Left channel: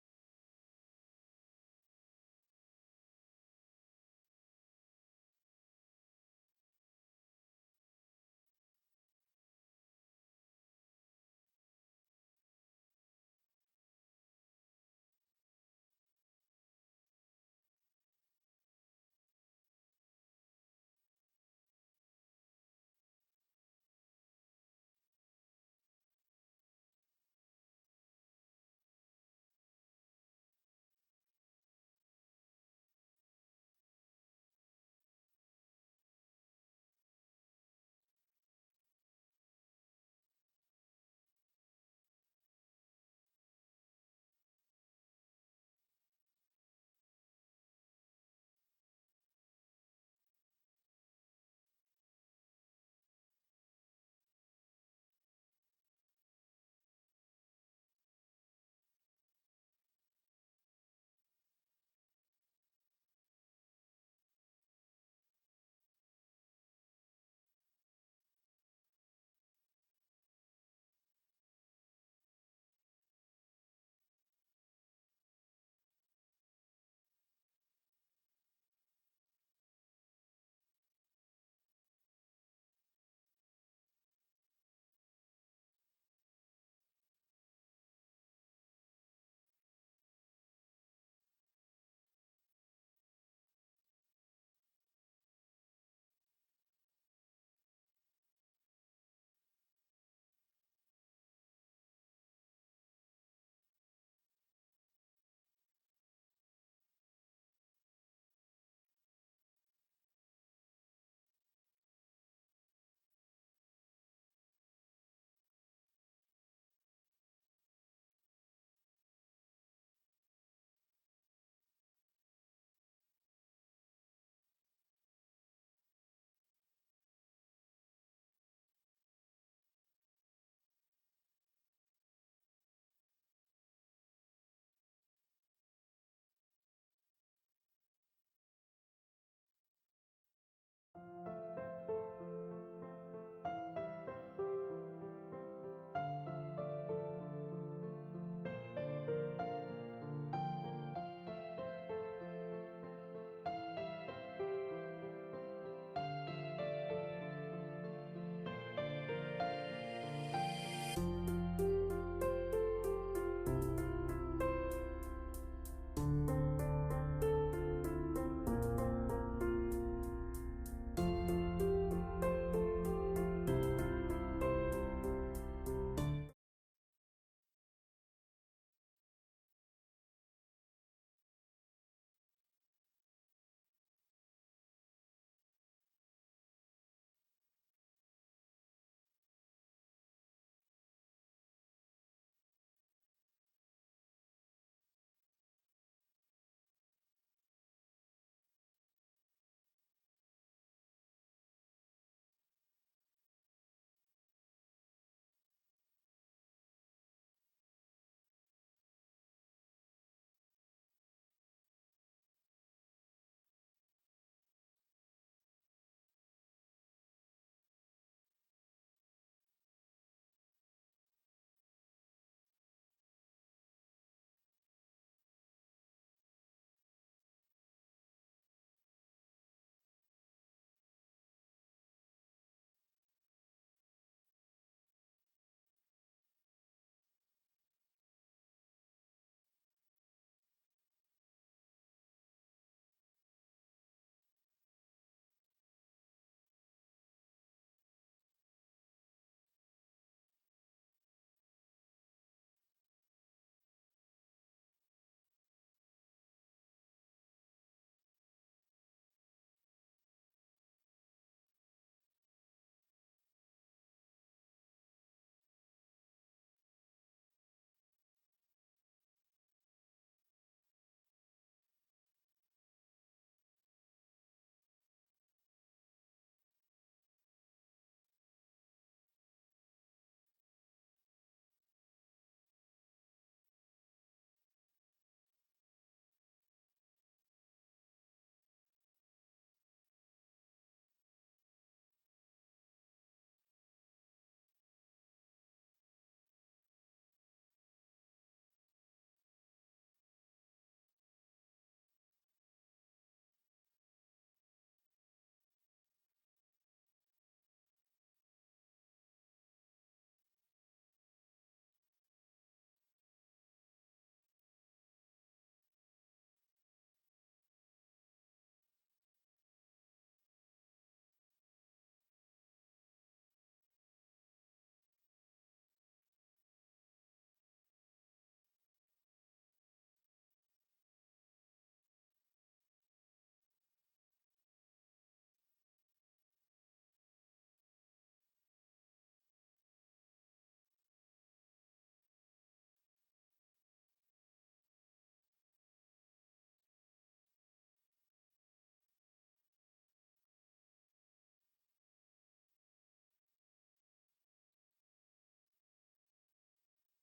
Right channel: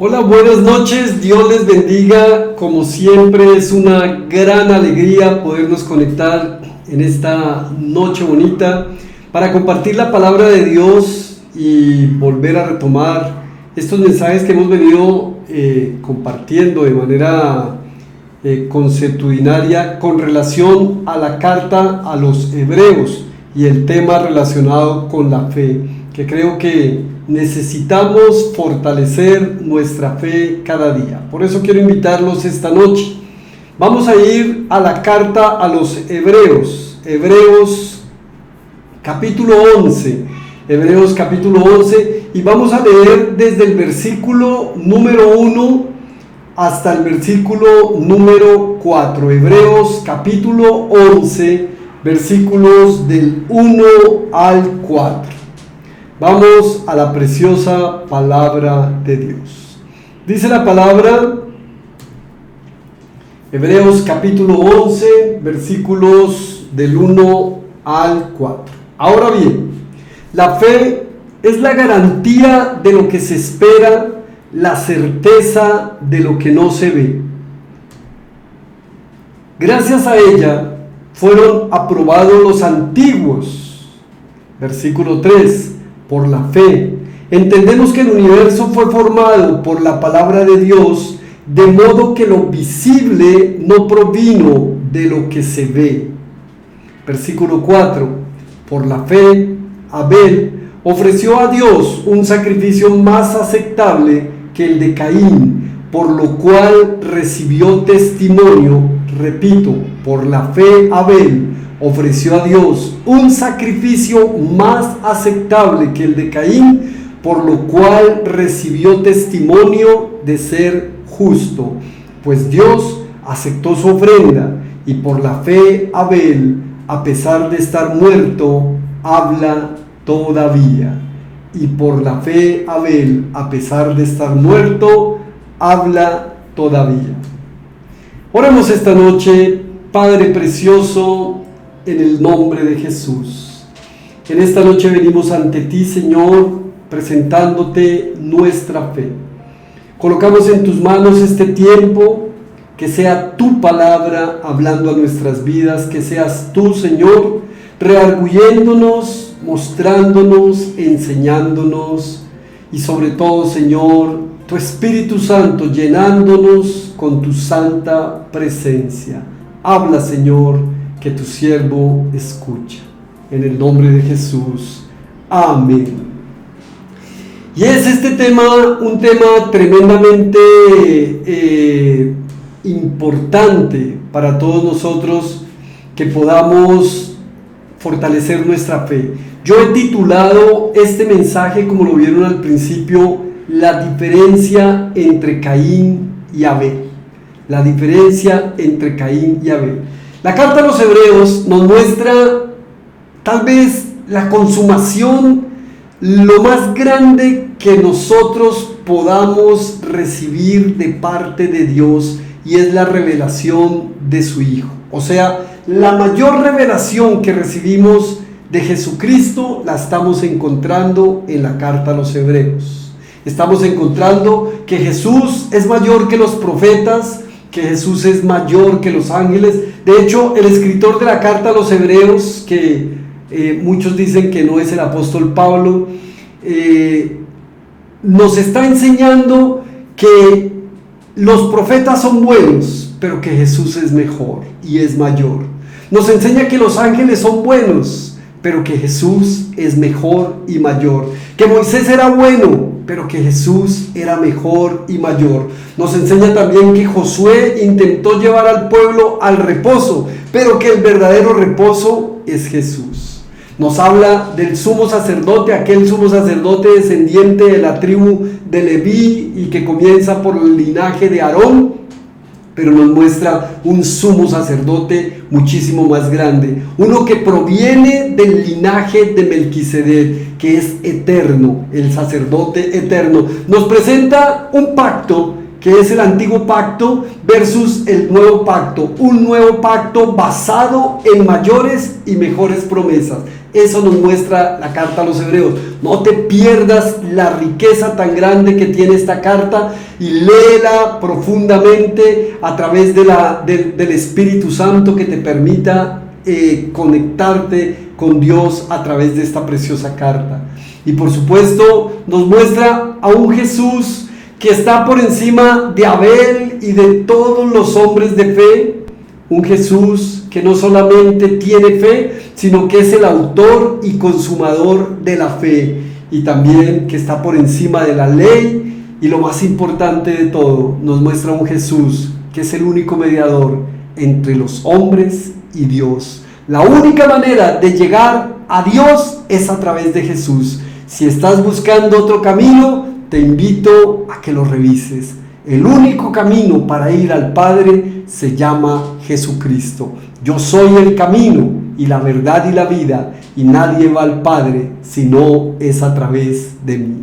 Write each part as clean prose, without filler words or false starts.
Hola, buenas noches, Dios les bendiga. Como siempre es una gran alegría podernos conectar en esta noche bonita para compartir la palabra de Dios y volver a retomar estos mensajes que hemos venido compartiendo de manera consuetudinaria con relación a la carta a los hebreos y el tema relacionado con la fe, que creo que necesitamos fortalecer nuestra fe cada día. Por eso quiero invitarlos esta noche. Vamos a ir a la carta a los hebreos, Hebreos capítulo 11, Hebreos capítulo 11, y vamos a leer desde el versículo número 1 hasta el versículo número 4, Hebreos capítulo 11, versículos del 1 al 4. Vamos a la preciosa palabra de Dios. Dice la palabra, Hebreos capítulo 11, versículos del 1 al 4. Ahora bien, la fe es la garantía de lo que se espera, la certeza de lo que no se ve. Gracias a ella fueron aprobados los antiguos. Versículo 3. Por la fe, entendemos que el universo fue formado por la palabra de Dios, de modo que lo visible no provino de lo que se ve. Versículo 4. Por la fe, Abel ofreció a Dios un sacrificio más aceptable que el de Caín, por lo cual recibió testimonio. Repito, por la fe, Abel ofreció a Dios un sacrificio más aceptable que el de Caín, por lo cual recibió testimonio de ser justo, pues Dios aceptó su ofrenda, y por la fe Abel, a pesar de estar muerto, habla todavía. Y por la fe Abel, a pesar de estar muerto, habla todavía. Oremos esta noche. Padre precioso, en el nombre de Jesús, en esta noche venimos ante ti, Señor, presentándote nuestra fe. Colocamos en tus manos este tiempo, que sea tu palabra hablando a nuestras vidas, que seas tú, Señor, redarguyéndonos, mostrándonos, enseñándonos, y sobre todo, Señor, tu Espíritu Santo llenándonos con tu santa presencia. Habla, Señor, que tu siervo escucha. En el nombre de Jesús. Amén. Y es este tema un tema tremendamente importante para todos nosotros, que podamos fortalecer nuestra fe. Yo he titulado este mensaje, como lo vieron al principio, la diferencia entre Caín y Abel. La diferencia entre Caín y Abel. La carta a los hebreos nos muestra tal vez la consumación, lo más grande que nosotros podamos recibir de parte de Dios, y es la revelación de su Hijo. O sea, la mayor revelación que recibimos de Jesucristo la estamos encontrando en la carta a los hebreos. Estamos encontrando que Jesús es mayor que los profetas, que Jesús es mayor que los ángeles. De hecho, el escritor de la carta a los hebreos, que muchos dicen que no es el apóstol Pablo, nos está enseñando que los profetas son buenos, pero que Jesús es mejor y es mayor. Nos enseña que los ángeles son buenos, pero que Jesús es mejor y mayor. Que Moisés era bueno, pero que Jesús era mejor y mayor. Nos enseña también que Josué intentó llevar al pueblo al reposo, pero que el verdadero reposo es Jesús. Nos habla del sumo sacerdote, aquel sumo sacerdote descendiente de la tribu de Leví y que comienza por el linaje de Aarón, pero nos muestra un sumo sacerdote muchísimo más grande, uno que proviene del linaje de Melquisedec, que es eterno, el sacerdote eterno. Nos presenta un pacto que es el antiguo pacto versus el nuevo pacto, un nuevo pacto basado en mayores y mejores promesas. Eso nos muestra la carta a los Hebreos. No te pierdas la riqueza tan grande que tiene esta carta y léela profundamente a través del Espíritu Santo, que te permita conectarte con Dios a través de esta preciosa carta. Y por supuesto nos muestra a un Jesús que está por encima de Abel y de todos los hombres de fe, un Jesús que no solamente tiene fe, sino que es el autor y consumador de la fe, y también que está por encima de la ley, y lo más importante de todo, nos muestra un Jesús que es el único mediador entre los hombres y Dios. La única manera de llegar a Dios es a través de Jesús. Si estás buscando otro camino, te invito a que lo revises. El único camino para ir al Padre se llama Jesucristo. Yo soy el camino y la verdad y la vida, y nadie va al Padre si no es a través de mí.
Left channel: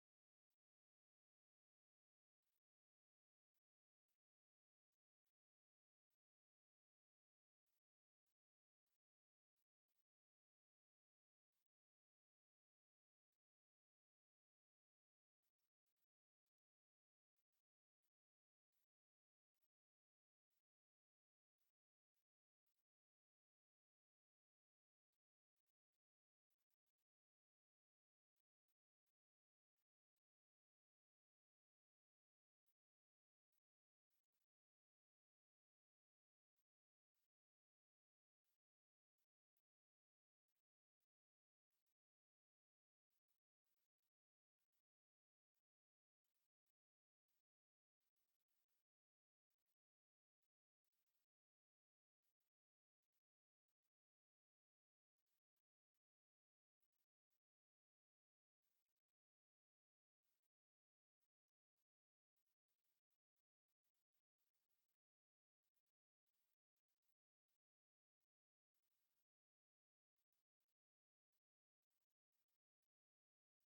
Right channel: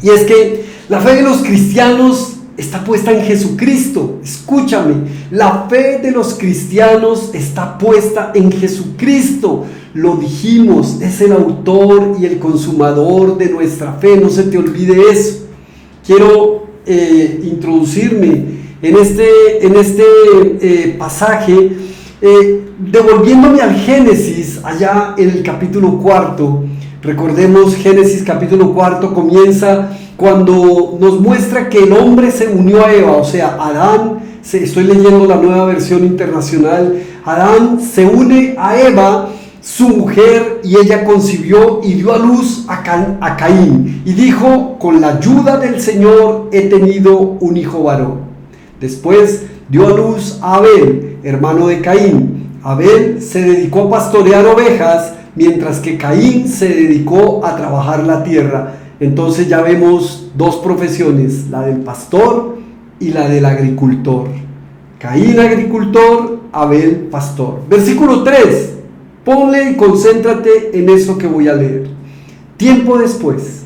Y es que la fe de los cristianos está puesta en Jesucristo. Escúchame, la fe de los cristianos está puesta en Jesucristo. Lo dijimos, es el autor y el consumador de nuestra fe, no se te olvide eso. Quiero introducirme en este pasaje, devolviéndome al Génesis, allá en el capítulo 4. Recordemos, Génesis capítulo 4 comienza cuando nos muestra que el hombre se unió a Eva, o sea, Adán, estoy leyendo la Nueva Versión Internacional, Adán se une a Eva, su mujer, y ella concibió y dio a luz a Caín, y dijo: con la ayuda del Señor he tenido un hijo varón. Después dio a luz a Abel, hermano de Caín. Abel se dedicó a pastorear ovejas, mientras que Caín se dedicó a trabajar la tierra. Entonces ya vemos dos profesiones, la del pastor y la del agricultor. Caín agricultor, Abel pastor. Versículo 3, ponle y concéntrate en eso que voy a leer. Tiempo después,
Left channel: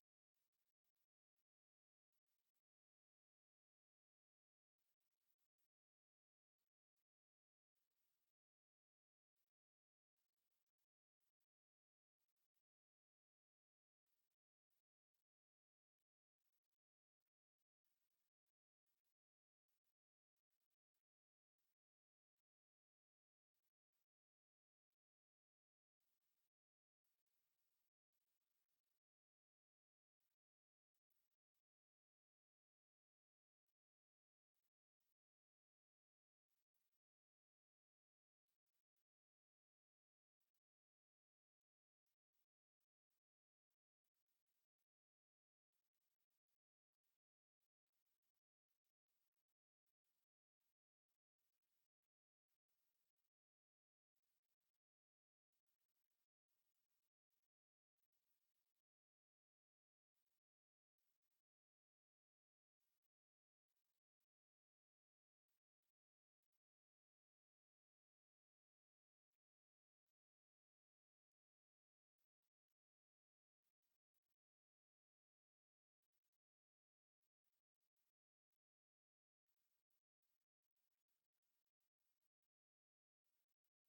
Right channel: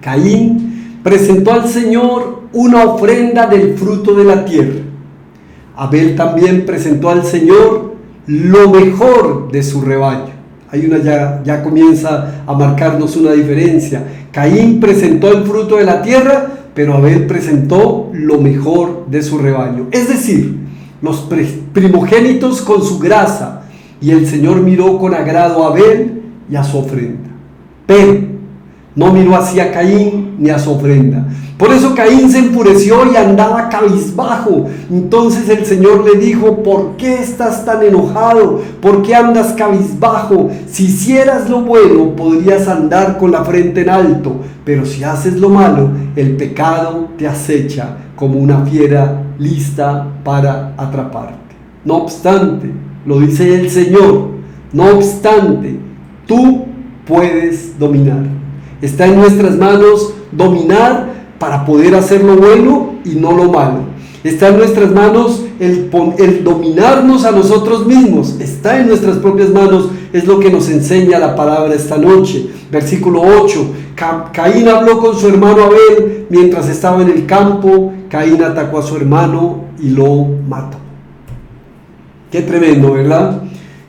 Caín presentó al Señor una ofrenda del fruto de la tierra. Abel también presentó al Señor lo mejor de su rebaño. Hay ya comienza a marcarnos una diferencia. Caín presentó el fruto de la tierra, pero Abel presentó lo mejor de su rebaño, es decir, los primogénitos con su grasa, y el Señor miró con agrado a Abel y a su ofrenda, pero no miró hacia Caín ni a su ofrenda. Por eso Caín se enfureció y andaba cabizbajo. Entonces el Señor le dijo: ¿por qué estás tan enojado? ¿Por qué andas cabizbajo? Si hicieras lo bueno, podrías andar con la frente en alto, pero si haces lo malo, el pecado te acecha como una fiera lista para atraparte. No obstante, lo dice el Señor, no obstante, tú puedes dominar. Está en nuestras manos dominar para poder hacer lo bueno y no lo malo. Está en nuestras manos el dominarnos a nosotros mismos. Está en nuestras propias manos. Es lo que nos enseña la palabra esta noche. Versículo 8. Caín habló con su hermano Abel mientras estaba en el campo. Caín atacó a su hermano y lo mató. Qué tremendo, ¿verdad?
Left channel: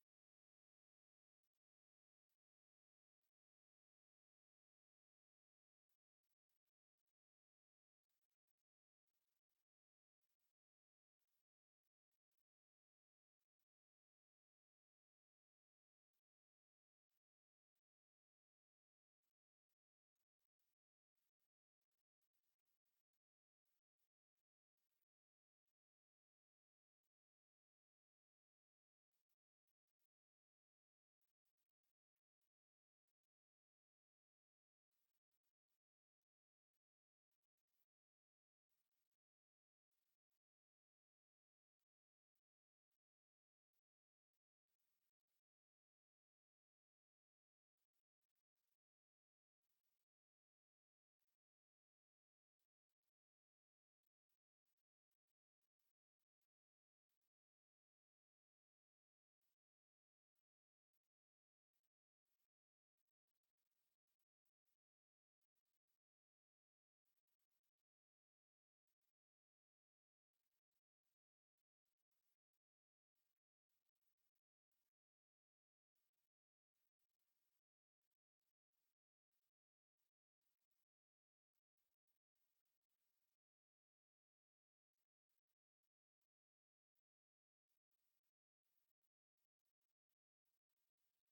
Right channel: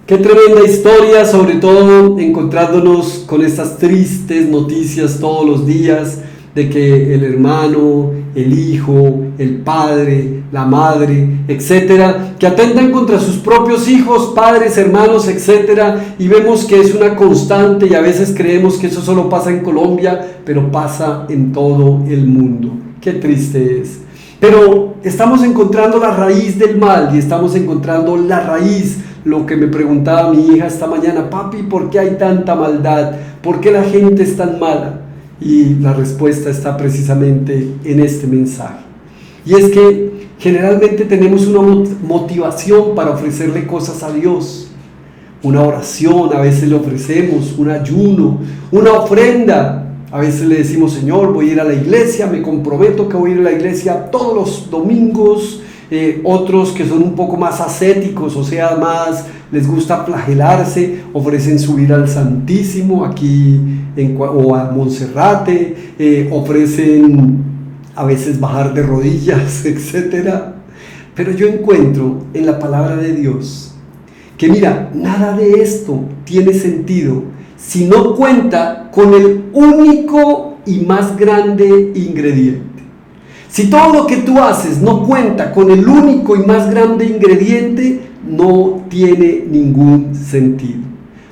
Qué tremenda historia, sobre todo encontrándonos con estas tristes noticias todos los días de que el hermano, el hijo, el padre, la madre, etcétera, que atentan contra sus propios hijos, padres, hermanos, etcétera, y vemos que es una constante, y a veces creemos que eso solo pasa en Colombia, pero pasa en todo el mundo. Qué triste es. Pero estamos encontrando la raíz del mal, y estamos encontrando la raíz. Lo que me preguntaba mi hija esta mañana: papi, ¿por qué hay tanta maldad? ¿Por qué la gente es tan mala? Y la respuesta está precisamente en este mensaje. Y es que generalmente tenemos una motivación para ofrecerle cosas a Dios. Una oración, a veces le ofrecemos un ayuno, una ofrenda. A veces le decimos: Señor, voy a ir a la iglesia, me comprometo que voy a ir a la iglesia todos los domingos. Otros que son un poco más ascéticos, o sea, más les gusta flagelarse, ofrecen subir al Santísimo aquí o a Monserrate, ofrecen a veces bajar de rodillas, etc. Pero yo encuentro en la palabra de Dios que mira, nada de esto tiene sentido si no cuenta con el único y más grande ingrediente. Si todo lo que tú haces no cuenta con el único y más grande ingrediente, no tiene ningún sentido.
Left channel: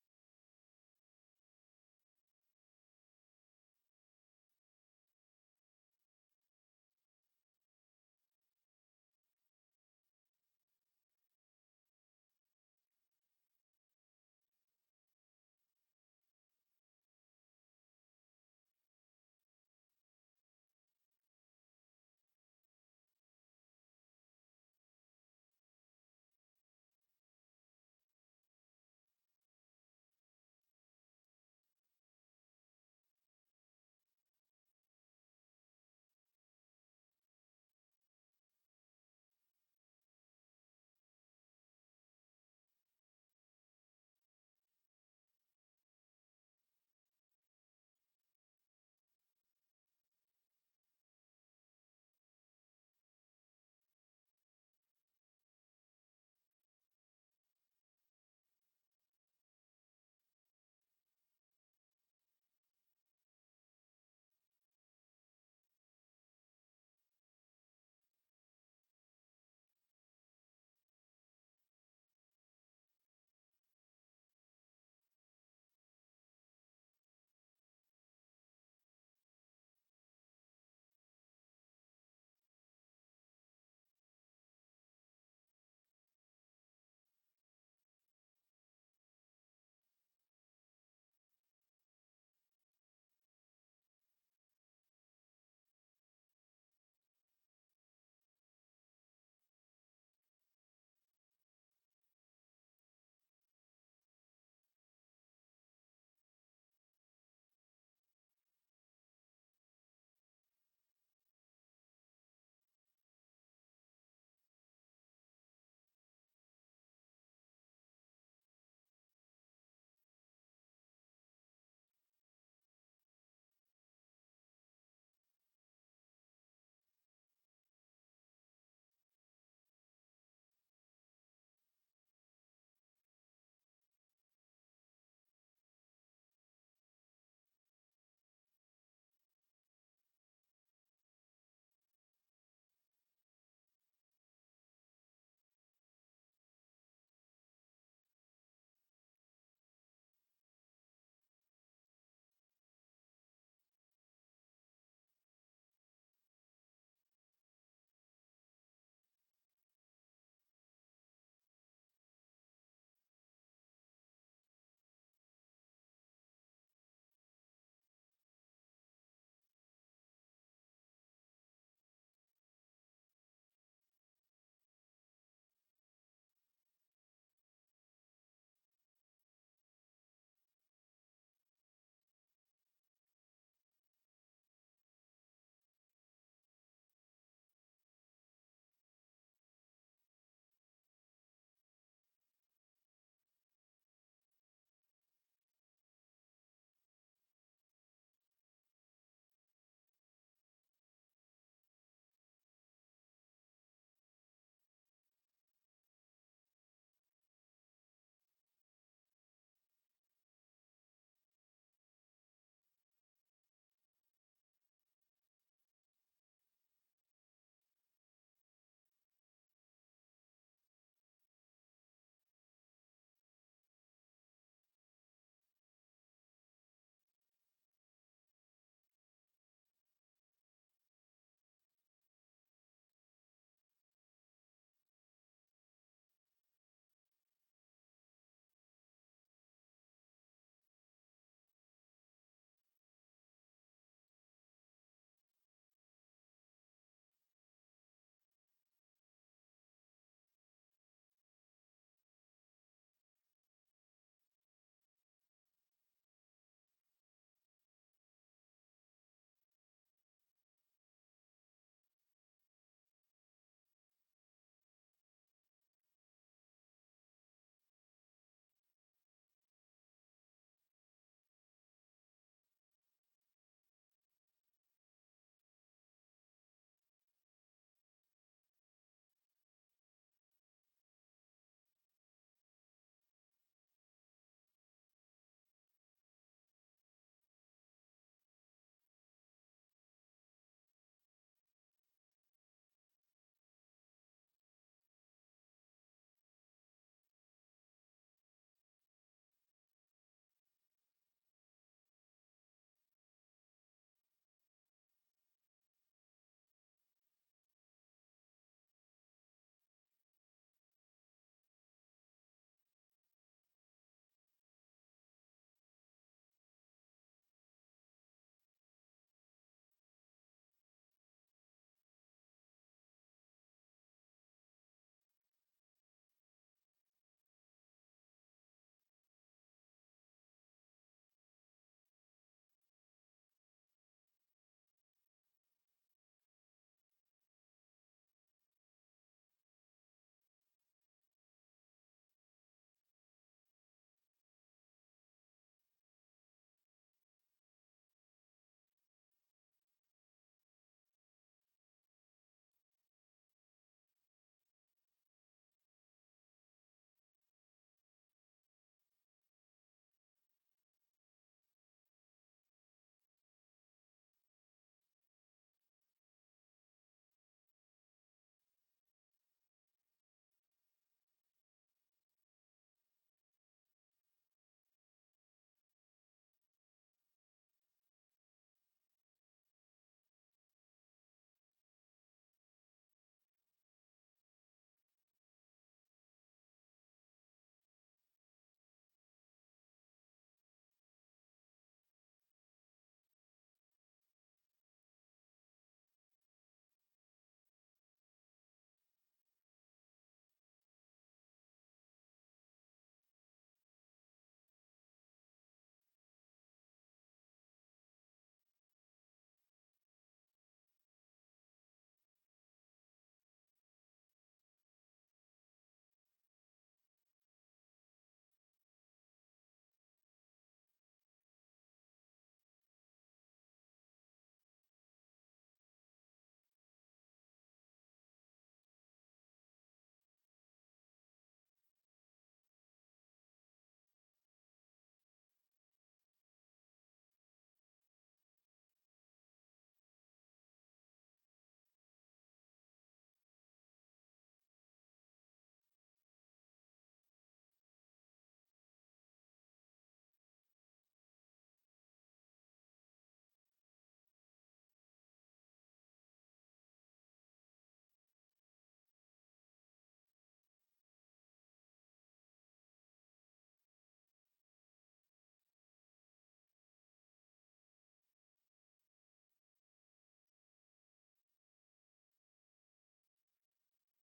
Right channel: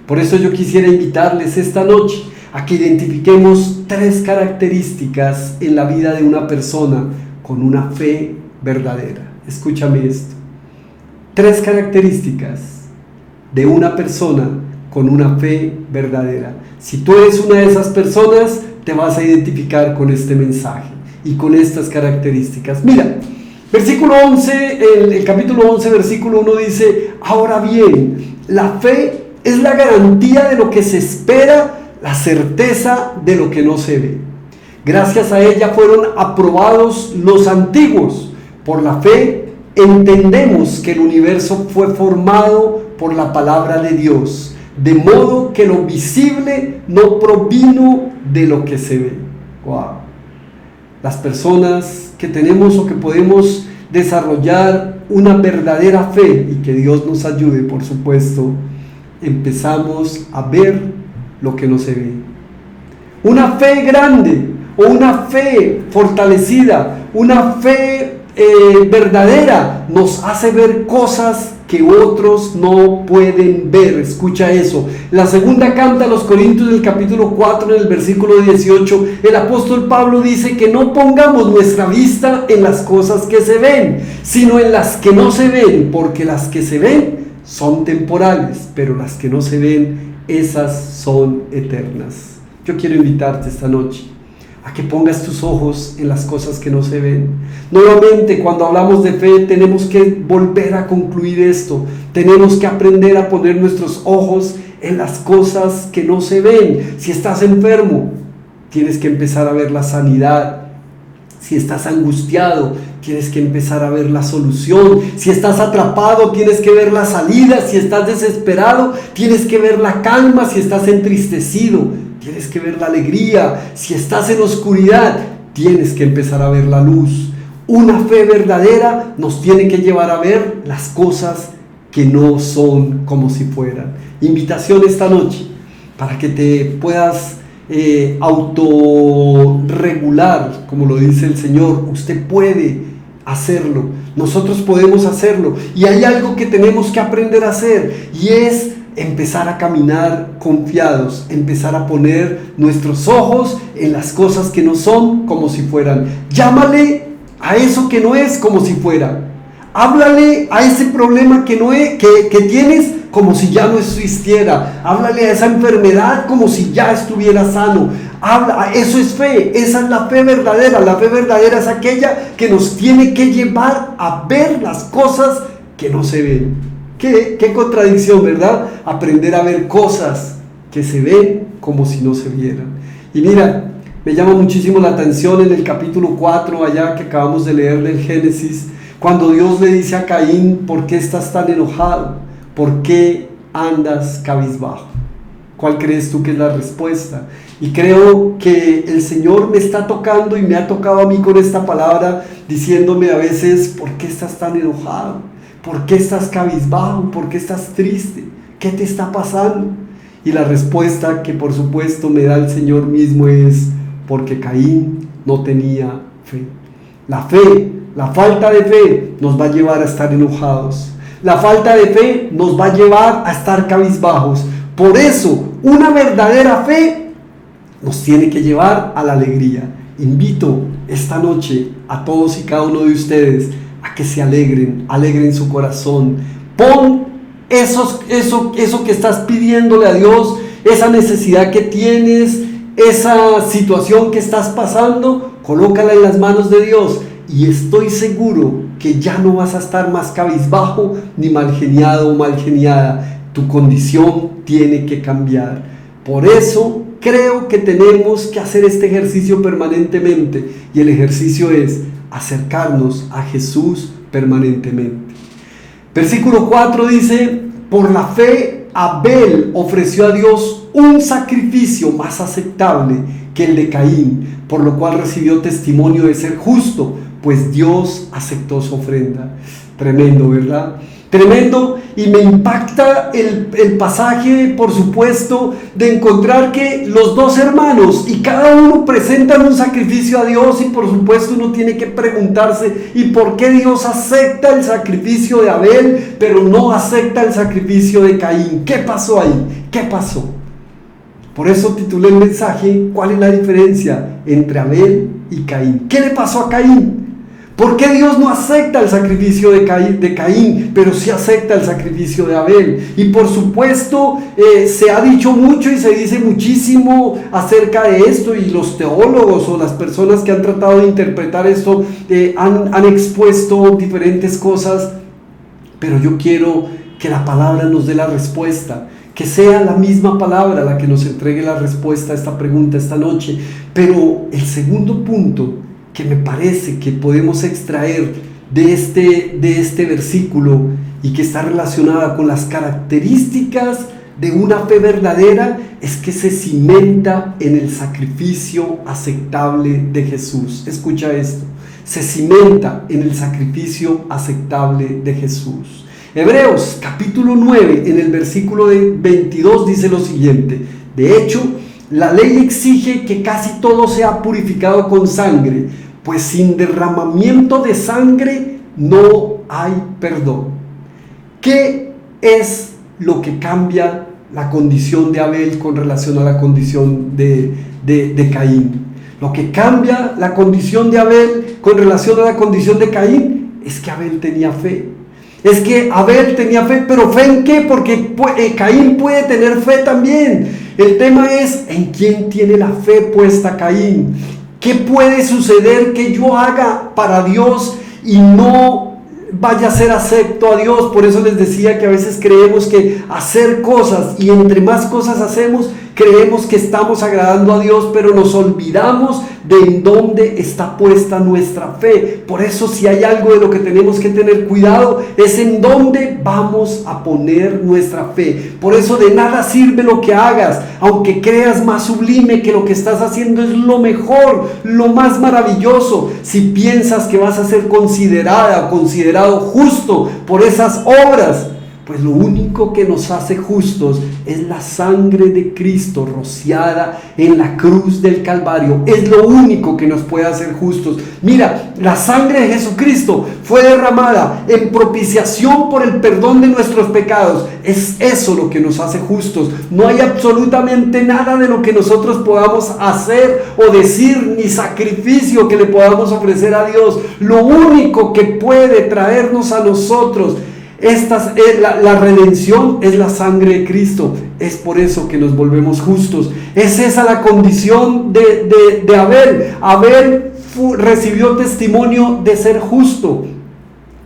Por eso yo quisiera invitarles esta noche a que identifiquemos 3 características en la vida de una persona con una fe verdadera. Escúchame esto. 3 características de una persona con una fe verdadera. Si tú eres una de esas personas, te vas a identificar con este mensaje y con estas características. Mira, versículo 11, el capítulo 11, versículo 1 dice: ahora bien, la fe es la garantía de lo que se espera, la certeza de lo que no se ve. Gracias a ella fueron aprobados los antiguos. Por la fe entendemos que el universo fue formado por la palabra de Dios, de modo que lo visible no provino de lo que se ve. Wow. Las personas que tenemos o que podemos desarrollar una verdadera fe, y que Dios nos ayude, por supuesto, empezamos a ver lo que no se ve. Una fe grande o una fe fortalecida, una fe verdadera nos hace ver cosas que otros no pueden ver. Escucha eso. La segunda carta a los Corintios, del capítulo 4, en el versículo 18, el apóstol Pablo dice que no pongamos nuestra vista en las cosas que se ven, sino en las que no se ven, porque las que se ven son temporales, pero las que no se ven, esas son eternas. Yo quiero invitarte esta noche a que pongas tus ojos en las cosas que no se ven. Nuevamente, cuando hablamos de fe, tenemos que volver a concluir esto. Tenemos que aprender a poner nuestros ojos en las cosas que no se ven. Si estás enfermo, tienes que empezar a ver la sanidad. Si estás angustiado, tienes que empezar a ver la solución. Si estás atrapado, tienes que ver la salida. Si estás desesperado, tienes que ver la calma. Si estás entristecido, tienes que ver la alegría. Si estás en oscuridad, tienes que empezar a ver la luz. Una fe verdadera nos tiene que llevar a ver las cosas que no son como si fueran. Invitación esta noche para que te puedas autorregular, como lo dice el Señor. Usted puede hacerlo, nosotros podemos hacerlo, y hay algo que tenemos que aprender a hacer, y es empezar a caminar confiados, empezar a poner nuestros ojos en las cosas que no son como si fueran. Llámale a eso que no es como si fuera. Háblale a ese problema que no es, que tienes, como si ya no existiera. Háblale a esa enfermedad como si ya estuviera sano. Eso es fe, esa es la fe verdadera. La fe verdadera es aquella que nos tiene que llevar a ver las cosas que no se ven. Qué contradicción, ¿verdad? Aprender a ver cosas que se ven como si no se vieran. Y mira, me llama muchísimo la atención en el capítulo 4, allá que acabamos de leer del Génesis, cuando Dios le dice a Caín: ¿por qué estás tan enojado? ¿Por qué andas cabizbajo? ¿Cuál crees tú que es la respuesta? Y creo que el Señor me está tocando y me ha tocado a mí con esta palabra, diciéndome a veces: ¿por qué estás tan enojado? ¿Por qué estás cabizbajo? ¿Por qué estás triste? ¿Qué te está pasando? Y la respuesta que por supuesto me da el Señor mismo es: porque Caín no tenía fe. La fe, la falta de fe nos va a llevar a estar enojados. La falta de fe nos va a llevar a estar cabizbajos. Por eso, una verdadera fe nos tiene que llevar a la alegría. Invito esta noche a todos y cada uno de ustedes a que se alegren su corazón. Pon eso que estás pidiéndole a Dios, esa necesidad que tienes, esa situación que estás pasando, colócala en las manos de Dios, y estoy seguro que ya no vas a estar más cabizbajo, ni malgeniado o malgeniada. Tu condición tiene que cambiar. Por eso creo que tenemos que hacer este ejercicio permanentemente, y el ejercicio es acercarnos a Jesús permanentemente. Versículo 4 dice: por la fe Abel ofreció a Dios un sacrificio más aceptable que el de Caín, por lo cual recibió testimonio de ser justo, pues Dios aceptó su ofrenda. Tremendo, ¿verdad? Tremendo, y me impacta el pasaje, por supuesto, de encontrar que los dos hermanos y cada uno presentan un sacrificio a Dios, y por supuesto uno tiene que preguntarse, ¿y por qué Dios acepta el sacrificio de Abel, pero no acepta el sacrificio de Caín? ¿Qué pasó ahí? ¿Qué pasó? Por eso titulé el mensaje, ¿cuál es la diferencia entre Abel y Caín? ¿Qué le pasó a Caín? ¿Por qué Dios no acepta el sacrificio de Caín, pero sí acepta el sacrificio de Abel? Y por supuesto, se ha dicho mucho y se dice muchísimo acerca de esto, y los teólogos o las personas que han tratado de interpretar esto han expuesto diferentes cosas, pero yo quiero que la palabra nos dé la respuesta, que sea la misma palabra la que nos entregue la respuesta a esta pregunta esta noche. Pero el segundo punto que me parece que podemos extraer de este versículo, y que está relacionada con las características de una fe verdadera, es que se cimenta en el sacrificio aceptable de Jesús. Escucha esto: se cimenta en el sacrificio aceptable de Jesús. Hebreos capítulo 9, en el versículo 22 dice lo siguiente: de hecho, la ley exige que casi todo sea purificado con sangre, pues sin derramamiento de sangre no hay perdón. ¿Qué es lo que cambia la condición de Abel con relación a la condición de Caín? Lo que cambia la condición de Abel con relación a la condición de Caín es que Abel tenía fe. Es que Abel tenía fe, pero ¿fe en qué? Porque Caín puede tener fe también. El tema es, ¿en quién tiene la fe puesta Caín? ¿Qué puede suceder que yo haga para Dios y no vaya a ser acepto a Dios? Por eso les decía que a veces creemos que hacer cosas, y entre más cosas hacemos, creemos que estamos agradando a Dios, pero nos olvidamos de en dónde está puesta nuestra fe. Por eso, si hay algo de lo que tenemos que tener cuidado, es en dónde vamos a poner nuestra fe. Por eso de nada sirve lo que hagas, aunque creas más sublime que lo que estás haciendo es lo mejor, lo más maravilloso. Si piensas que vas a ser considerada o considerado justo por esas obras, pues lo único que nos hace justos es la sangre de Cristo rociada en la cruz del Calvario. Es lo único que nos puede hacer justos. Mira, la sangre de Jesucristo fue derramada en propiciación por el perdón de nuestros pecados. Es eso lo que nos hace justos. No hay absolutamente nada de lo que nosotros podamos hacer o decir, ni sacrificio que le podamos ofrecer a Dios. Lo único que puede traernos a nosotros la redención es la sangre de Cristo. Es por eso que nos volvemos justos. Es esa la condición de Abel. Abel recibió testimonio de ser justo.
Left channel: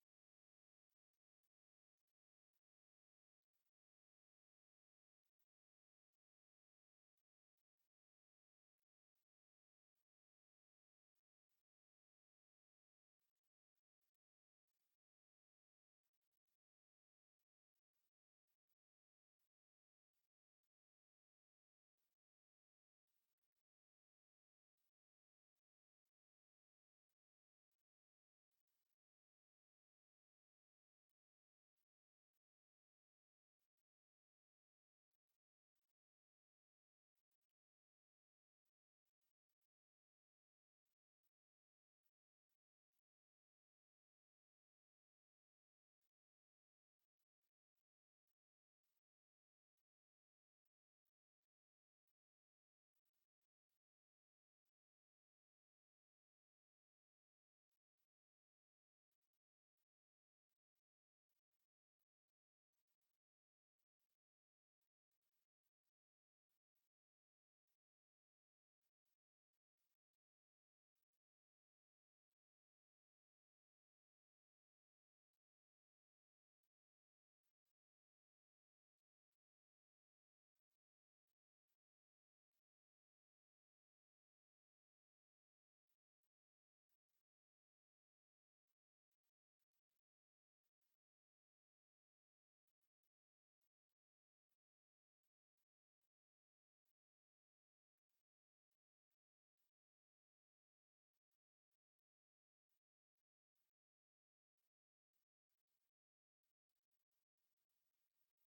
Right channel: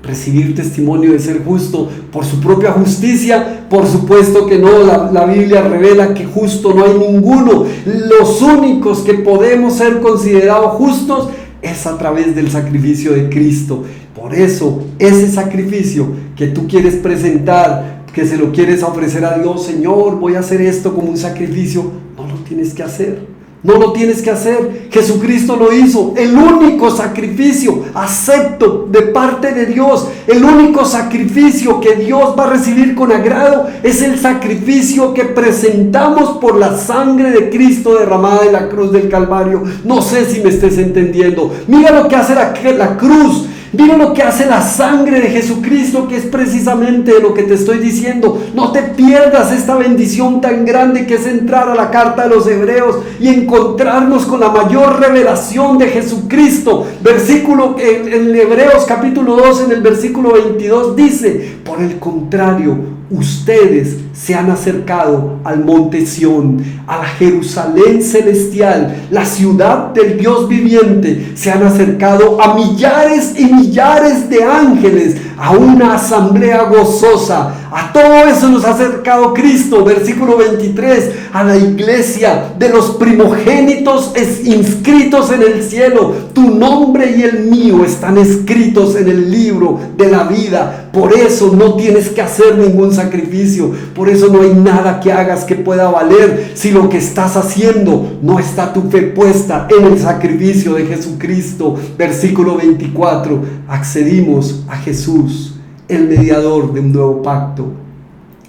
Recibir testimonio de ser justo por su propia justicia, por supuesto que no. La Biblia revela que justo no hay ninguno. Los únicos que podemos ser considerados justos es a través del sacrificio de Cristo. Por eso, ese sacrificio que tú quieres presentar, que se lo quieres ofrecer a Dios, Señor, voy a hacer esto como un sacrificio, no lo tienes que hacer. No lo tienes que hacer. Jesucristo lo hizo. El único sacrificio acepto de parte de Dios, el único sacrificio que Dios va a recibir con agrado, es el sacrificio que presentamos por la sangre de Cristo derramada en la cruz del Calvario. No sé si me estés entendiendo. Mira lo que hace la cruz. Mira lo que hace la sangre de Jesucristo, que es precisamente lo que te estoy diciendo. No te pierdas esta bendición tan grande que es entrar a la carta de los Hebreos y encontrarnos con la mayor revelación de Jesucristo. Versículo en Hebreos capítulo 2, en el versículo 22 dice: por el contrario, ustedes se han acercado al monte Sión, a la Jerusalén celestial, la ciudad del Dios viviente. Se han acercado a millares y millares de ángeles, a una asamblea gozosa. A todo eso nos ha acercado Cristo. Versículo 23, a la iglesia de los primogénitos inscritos en el cielo. Tu nombre y el mío están escritos en el libro de la vida. Por eso no tienes que hacer ningún sacrificio. Por eso no hay nada que hagas que pueda valer. Si lo que estás haciendo no está tu fe puesta en el sacrificio de Jesucristo. Versículo 24. Accedimos a Jesús, el mediador de un nuevo pacto,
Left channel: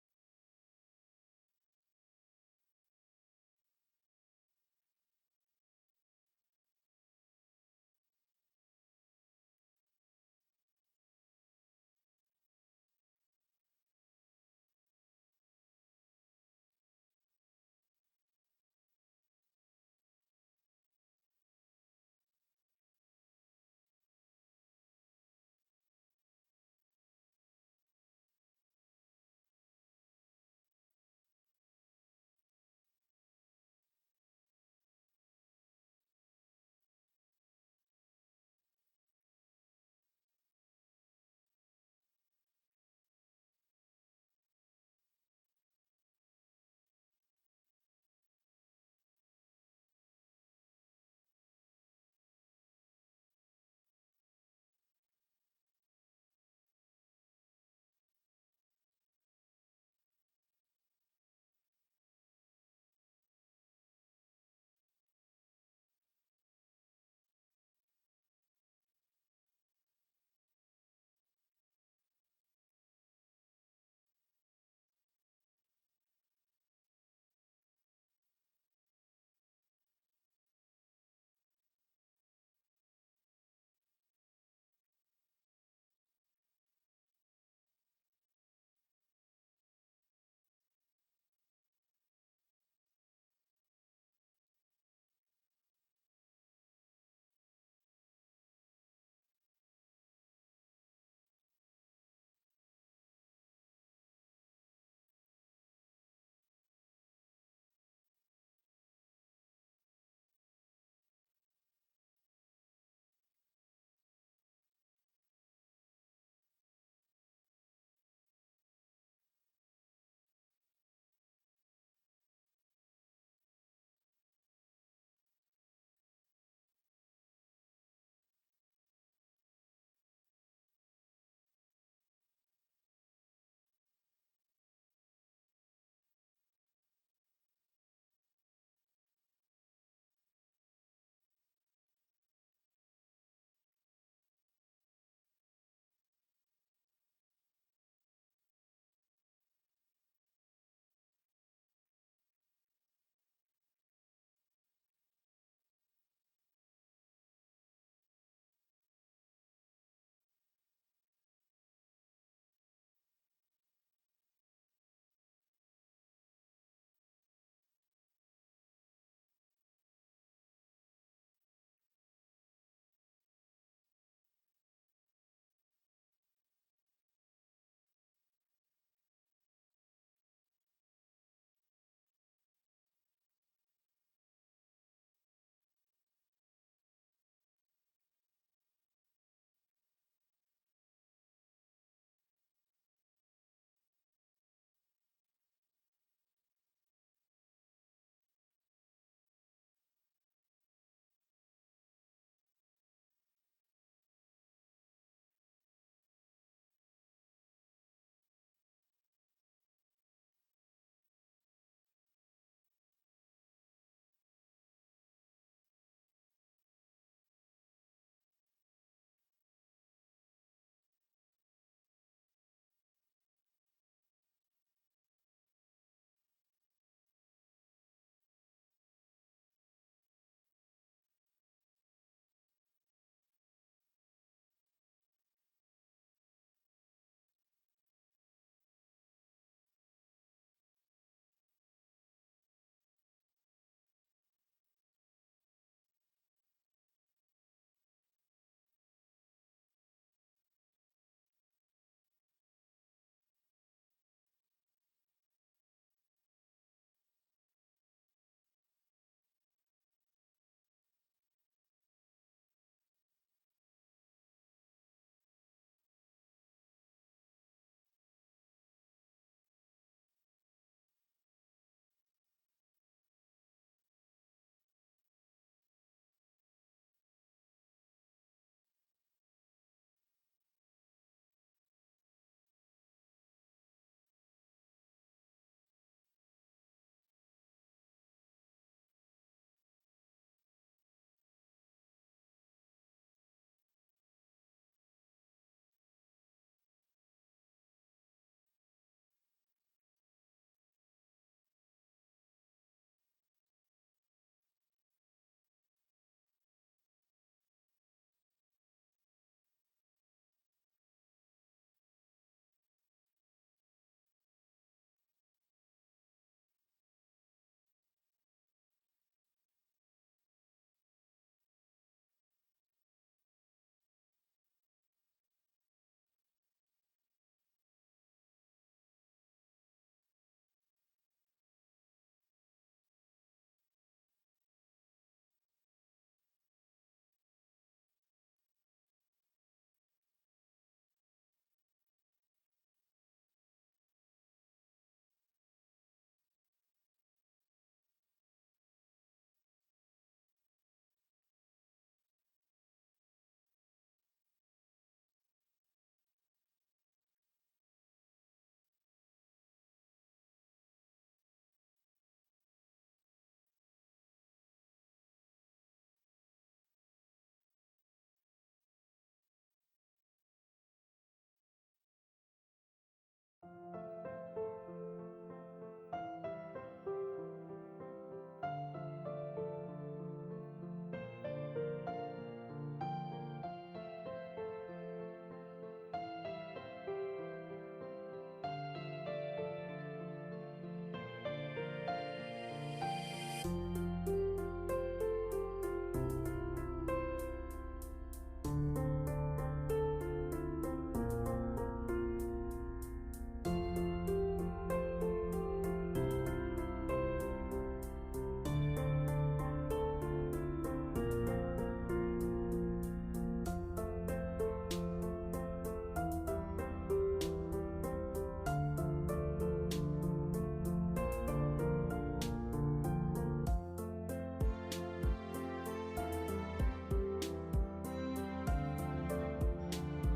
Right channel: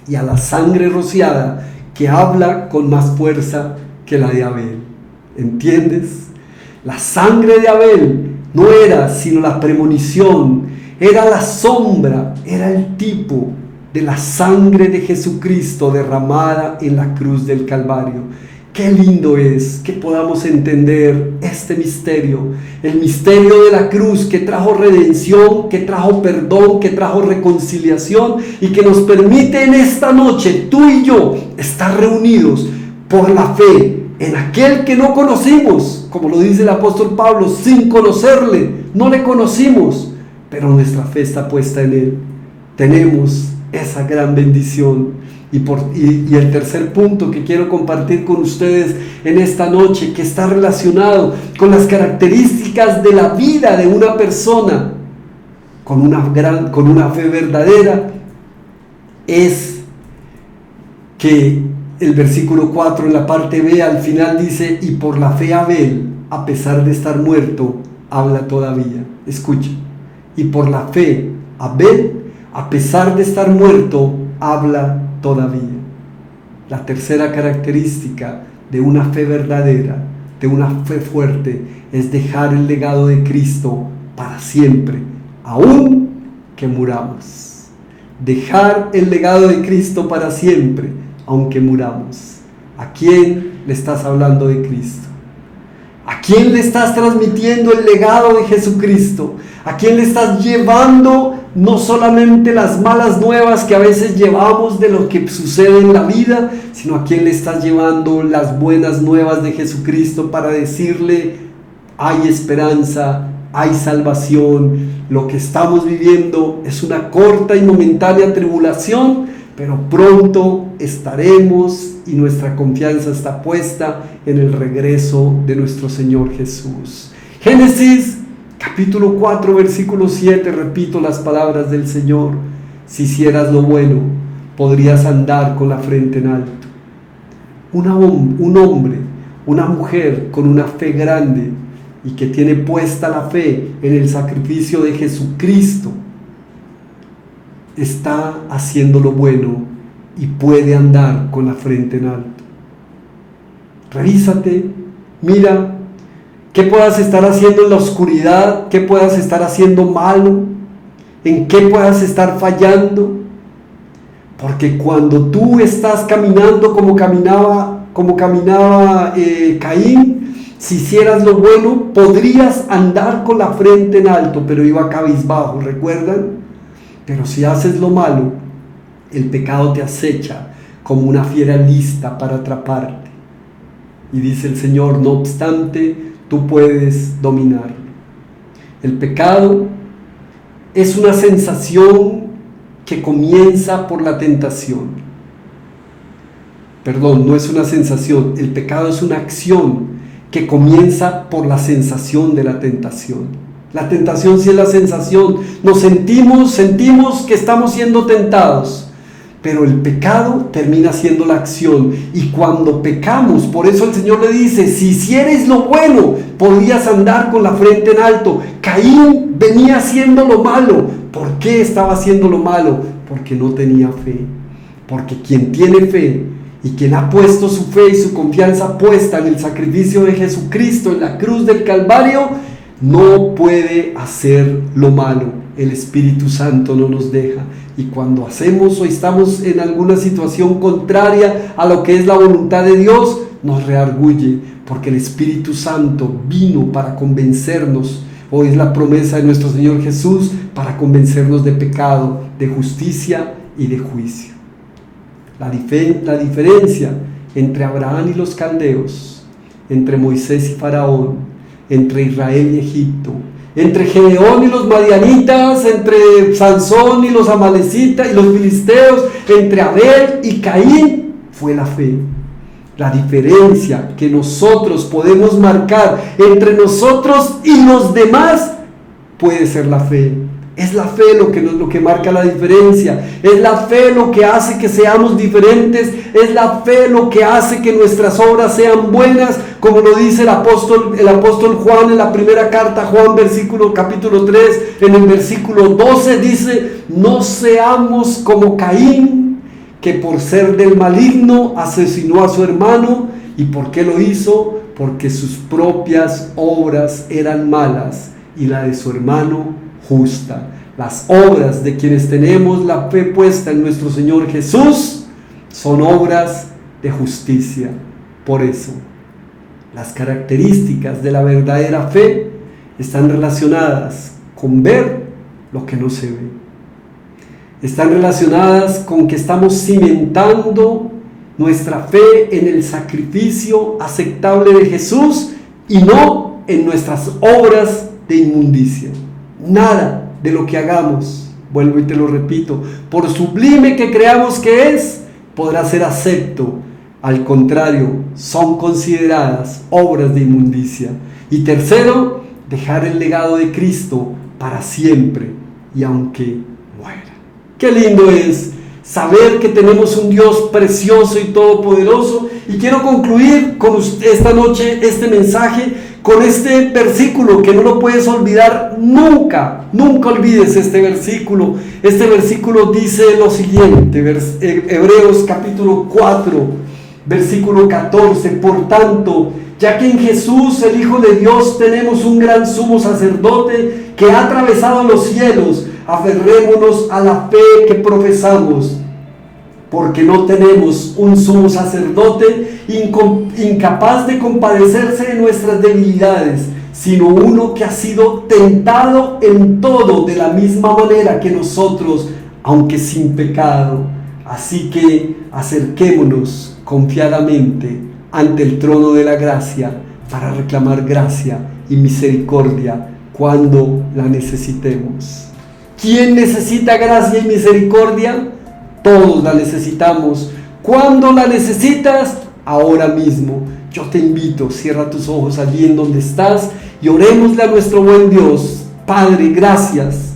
y a la sangre rociada que habla con más fuerza que la de Abel. ¿Entiendes? La sangre de Abel no era sino la premonición, era la sombra, era el tipo de la sangre de Jesucristo derramada en la cruz del Calvario. Qué lindo es que podamos entender este misterio, el misterio de la cruz que trajo redención, que trajo perdón, que trajo reconciliación y que nos permite en esta noche, tú y yo, estar reunidos por la fe en aquel que no conocimos, como lo dice el apóstol Pablo, sin conocerle, no le conocimos, pero nuestra fe está puesta en él. Tenemos esa gran bendición. Y el tercer punto que quiero compartir con ustedes en esta noche, que está relacionado con las características de la vida de una persona con una fe verdadera, es que el versículo 4 en la parte B al final dice: y por la fe Abel, a pesar de estar muerto, habla todavía. Escucha, y por la fe Abel, a pesar de estar muerto, habla todavía. La tercera característica de una fe verdadera, de una fe fuerte, es dejar el legado de Cristo para siempre, aun que muramos. Dejar el legado de Cristo para siempre, aunque muramos. ¿A quién le estás hablando de Cristo? ¿A quién le estás transmitiendo el legado de Jesucristo? ¿A quién le estás llevando no solamente las malas nuevas que a veces llevamos de lo que sucede en la vida, sino a quién le estás llevando las buenas nuevas de Jesucristo para decirle: hay esperanza, hay salvación, lo que estamos viviendo es una corta y momentánea tribulación, pero pronto estaremos y nuestra confianza está puesta en el regreso de nuestro Señor Jesús. Génesis capítulo 4 versículo 7, repito las palabras del Señor: si hicieras lo bueno, podrías andar con la frente en alto. Un hombre, una mujer con una fe grande y que tiene puesta la fe en el sacrificio de Jesucristo, está haciendo lo bueno y puede andar con la frente en alto. Revísate, mira qué puedas estar haciendo en la oscuridad, qué puedas estar haciendo malo, en qué puedas estar fallando, porque cuando tú estás caminando como caminaba Caín, si hicieras lo bueno, podrías andar con la frente en alto, pero iba cabizbajo, ¿recuerdan? Pero si haces lo malo, el pecado te acecha como una fiera lista para atraparte. Y dice el Señor: no obstante, tú puedes dominarlo. El pecado es una sensación que comienza por la tentación. Perdón, no es una sensación. El pecado es una acción que comienza por la sensación de la tentación. La tentación sí es la sensación. Nos sentimos que estamos siendo tentados. Pero el pecado termina siendo la acción. Y cuando pecamos, por eso el Señor le dice: si hicieres lo bueno, podrías andar con la frente en alto. Caín venía haciendo lo malo. ¿Por qué estaba haciendo lo malo? Porque no tenía fe. Porque quien tiene fe y quien ha puesto su fe y su confianza puesta en el sacrificio de Jesucristo en la cruz del Calvario, no puede hacer lo malo. El Espíritu Santo no nos deja. Y cuando hacemos o estamos en alguna situación contraria a lo que es la voluntad de Dios, nos reargulle, porque el Espíritu Santo vino para convencernos, o es la promesa de nuestro Señor Jesús, para convencernos de pecado, de justicia y de juicio. La diferencia entre Abraham y los caldeos, entre Moisés y Faraón, entre Israel y Egipto, entre Gedeón y los madianitas, entre Sansón y los amalecitas y los filisteos, entre Abel y Caín, fue la fe. La diferencia que nosotros podemos marcar entre nosotros y los demás puede ser la fe. Es la fe lo que marca la diferencia. Es la fe lo que hace que seamos diferentes. Es la fe lo que hace que nuestras obras sean buenas, como lo dice el apóstol Juan en la primera carta a Juan, capítulo 3, en el versículo 12 dice: no seamos como Caín, que por ser del maligno asesinó a su hermano. ¿Y por qué lo hizo? Porque sus propias obras eran malas y la de su hermano justa. Las obras de quienes tenemos la fe puesta en nuestro Señor Jesús son obras de justicia. Por eso, las características de la verdadera fe están relacionadas con ver lo que no se ve. Están relacionadas con que estamos cimentando nuestra fe en el sacrificio aceptable de Jesús y no en nuestras obras de inmundicia. Nada de lo que hagamos, vuelvo y te lo repito, por sublime que creamos que es, podrá ser acepto. Al contrario, son consideradas obras de inmundicia. Y tercero, dejar el legado de Cristo para siempre y aunque muera. Qué lindo es saber que tenemos un Dios precioso y todopoderoso. Y quiero concluir con esta noche este mensaje con este versículo que no lo puedes olvidar nunca. Nunca olvides este versículo. Este versículo dice lo siguiente, Hebreos capítulo 4, versículo 14. Por tanto, ya que en Jesús, el Hijo de Dios, tenemos un gran sumo sacerdote que ha atravesado los cielos, aferrémonos a la fe que profesamos, porque no tenemos un sumo sacerdote incapaz de compadecerse de nuestras debilidades, sino uno que ha sido tentado en todo de la misma manera que nosotros, aunque sin pecado. Así que acerquémonos confiadamente ante el trono de la gracia para reclamar gracia y misericordia cuando la necesitemos. ¿Quién necesita gracia y misericordia? Todos la necesitamos. ¿Cuándo la necesitas? Ahora mismo. Yo te invito, cierra tus ojos allí en donde estás y orémosle a nuestro buen Dios. Padre, gracias.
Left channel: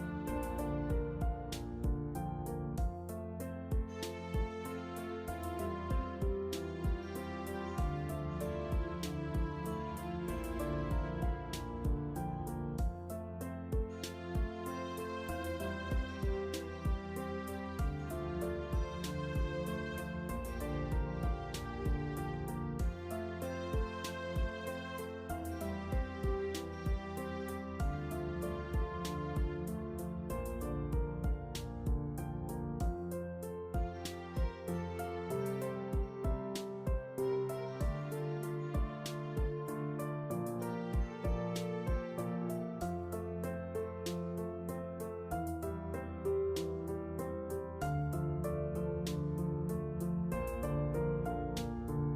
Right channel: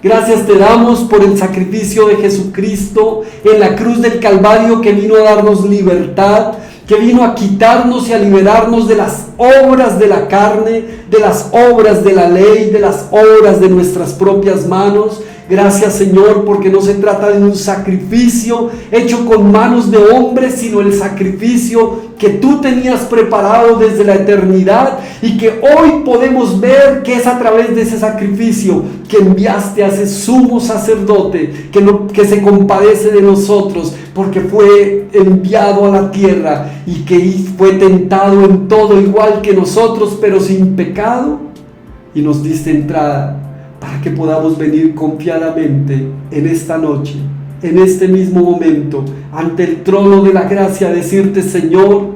Gracias te damos por el sacrificio de Jesucristo en la cruz del Calvario, que vino a darnos libertad, que vino a quitarnos y a liberarnos de las obras de la carne, de las obras de la ley, de las obras de nuestras propias manos. Gracias, Señor, porque no se trata de un sacrificio hecho con manos de hombres, sino el sacrificio que tú tenías preparado desde la eternidad y que hoy podemos ver que es a través de ese sacrificio que enviaste a ese sumo sacerdote que se compadece de nosotros, porque fue enviado a la tierra y que fue tentado en todo igual que nosotros, pero sin pecado, y nos diste entrada para que podamos venir confiadamente en esta noche, en este mismo momento, ante el trono de la gracia, decirte: Señor,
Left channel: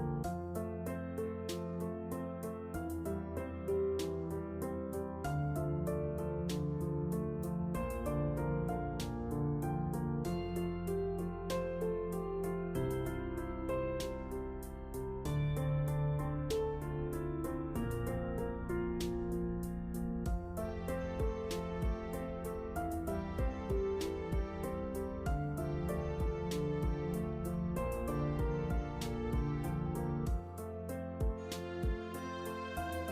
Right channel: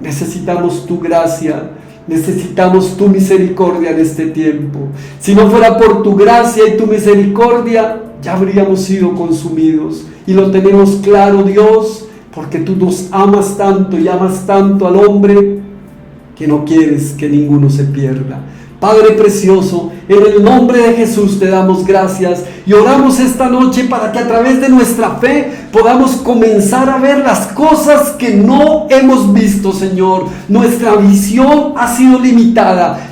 necesitamos tu gracia, necesitamos tu misericordia en este tiempo. Si no fuera por tu gracia y tu misericordia, ya habríamos sido consumidos. Y lo tenemos claro, Dios, porque tú nos amas tanto y amas tanto al hombre que no quieres que ninguno se pierda. Padre precioso, en el nombre de Jesús te damos gracias y oramos esta noche para que a través de nuestra fe podamos comenzar a ver las cosas que no hemos visto, Señor. Nuestra visión ha sido limitada.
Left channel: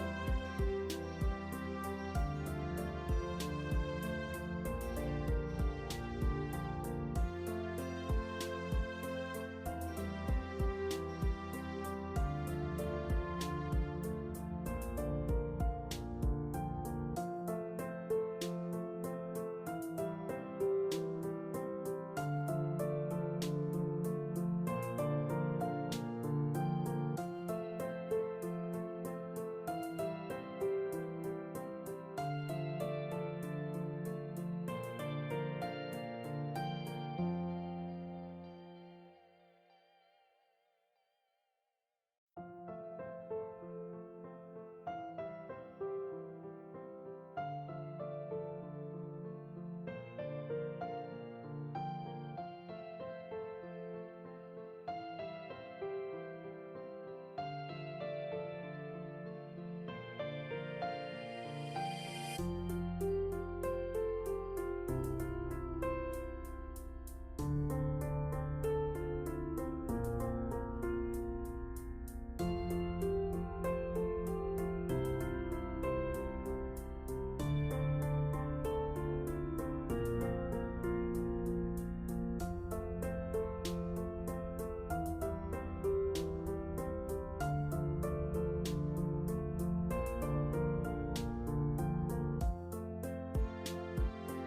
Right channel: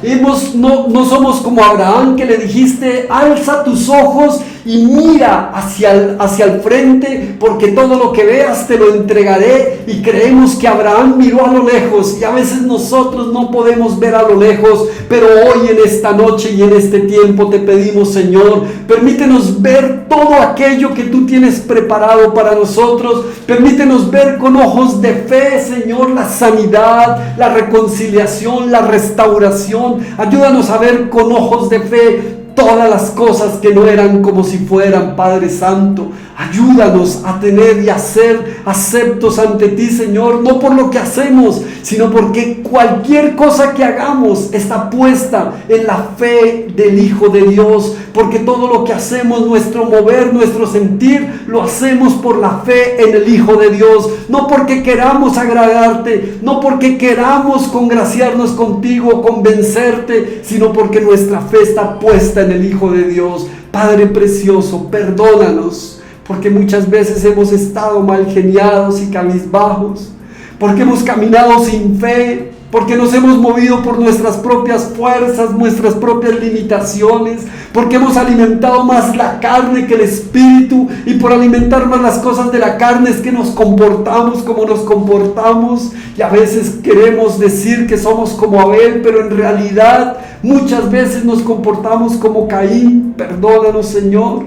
No somos como Abraham, que le dijiste: alza tus ojos y mira hacia el frente, porque todo lo que veas te lo entregaré. Y creemos que Abraham miró a lo lejos, y a veces nosotros no podemos ver a lo lejos, pero hoy en esta noche y en este tiempo te pedimos, Señor, permítenos ver todo aquello que tú tienes preparado para nosotros. Permítenos ver con ojos de fe, Señor, la sanidad, la reconciliación, la restauración. Ayúdanos a ver con ojos de fe todas las cosas que no eran como si fueran, Padre Santo. Ayúdanos a tener y a ser aceptos ante ti, Señor, no por lo que hacemos, sino porque cualquier cosa que hagamos está puesta en la fe del Hijo de Dios, porque todo lo que hacemos, nuestro mover, nuestro sentir, lo hacemos por la fe en el Hijo de Dios, no porque queramos agradarte, no porque queramos congraciarnos contigo, convencerte, sino porque nuestra fe está puesta en el Hijo de Dios. Padre precioso, perdónanos, porque muchas veces hemos estado mal geniados y cabizbajos, porque hemos caminado sin fe, porque nos hemos movido por nuestras propias fuerzas, nuestras propias limitaciones, porque hemos alimentado más la carne que el espíritu, y por alimentar más las cosas de la carne es que nos comportamos como nos comportamos, y a veces queremos decir que somos como Abel, pero en realidad muchas veces nos comportamos como Caín. Perdónanos, Señor,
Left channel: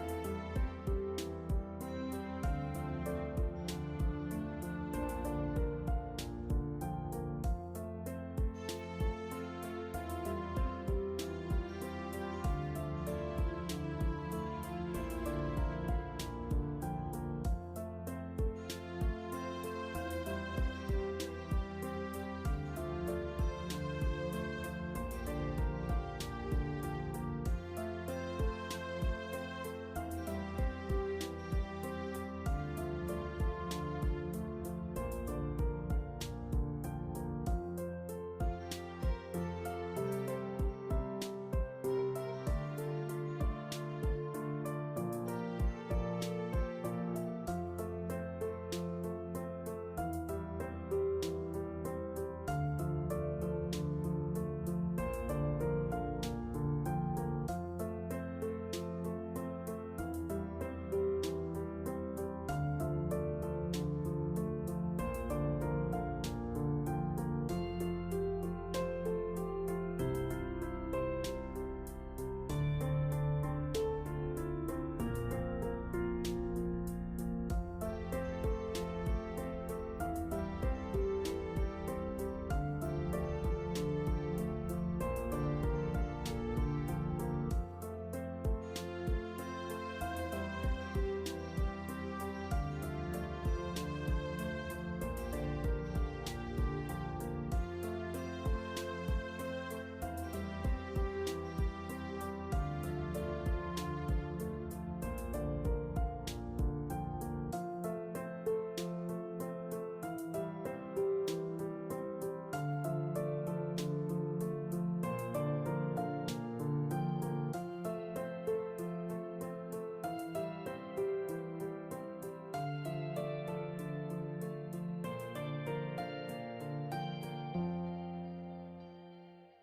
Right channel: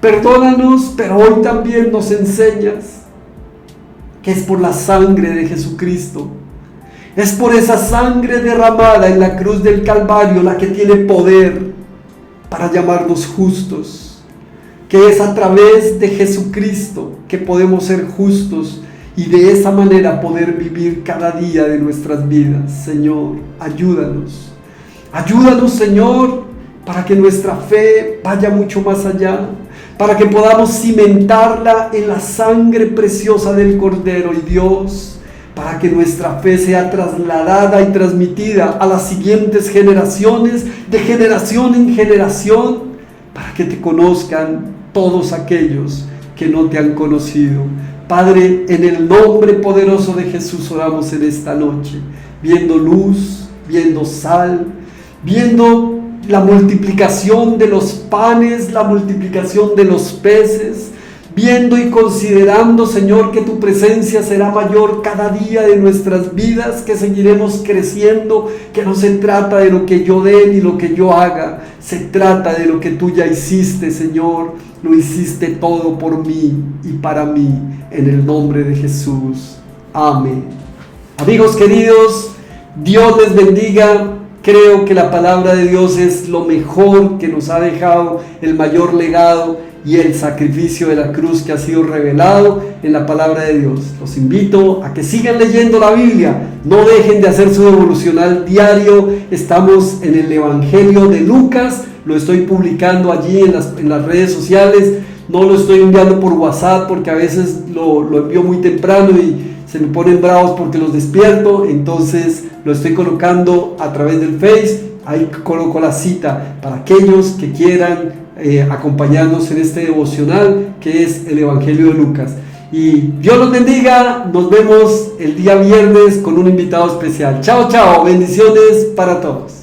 perdónanos, pero hoy también nos enseñas que es por la sangre de Jesucristo. Es por esa sangre derramada en la cruz del Calvario la que tiene poder para llamarnos justos. Que es a través de Jesucristo que podemos ser justos y de esa manera poder vivir cada día de nuestras vidas. Señor, ayúdanos. Ayúdanos, Señor, para que nuestra fe vaya mucho más allá, para que podamos cimentarla en la sangre preciosa del Cordero. Y Dios, para que nuestra fe sea trasladada y transmitida a las siguientes generaciones, de generación en generación, para que te conozcan todos aquellos que no te han conocido. Padre, en el nombre poderoso de Jesús oramos en esta noche, viendo luz, viendo sal, viendo la multiplicación de los panes, la multiplicación de los peces, viendo y considerando, Señor, que tu presencia será mayor cada día de nuestras vidas, que seguiremos creciendo, que no se trata de lo que yo dé ni lo que yo haga, se trata de lo que tú ya hiciste, Señor. Lo hiciste todo por mí y para mí, en el nombre de Jesús. Amén. Amigos queridos, Dios les bendiga. Creo que la palabra de Dios es lo mejor que nos ha dejado, el mayor legado y el sacrificio de la cruz que ha sido revelado en la palabra de Dios. Los invito a que sigan leyendo la Biblia, no dejen de hacer su devocional diario. Estamos en el Evangelio de Lucas, lo estoy publicando allí en las redes sociales, no lo estoy enviando por WhatsApp porque a veces lo envío muy temprano y se me ponen bravos porque los despierto, entonces lo estoy colocando a través del Face. Ahí coloco la cita para aquellos que quieran acompañarnos en este devocional que es el Evangelio de Lucas. Y Dios los bendiga, nos vemos el día viernes con un invitado especial. Chao, chao, bendiciones para todos.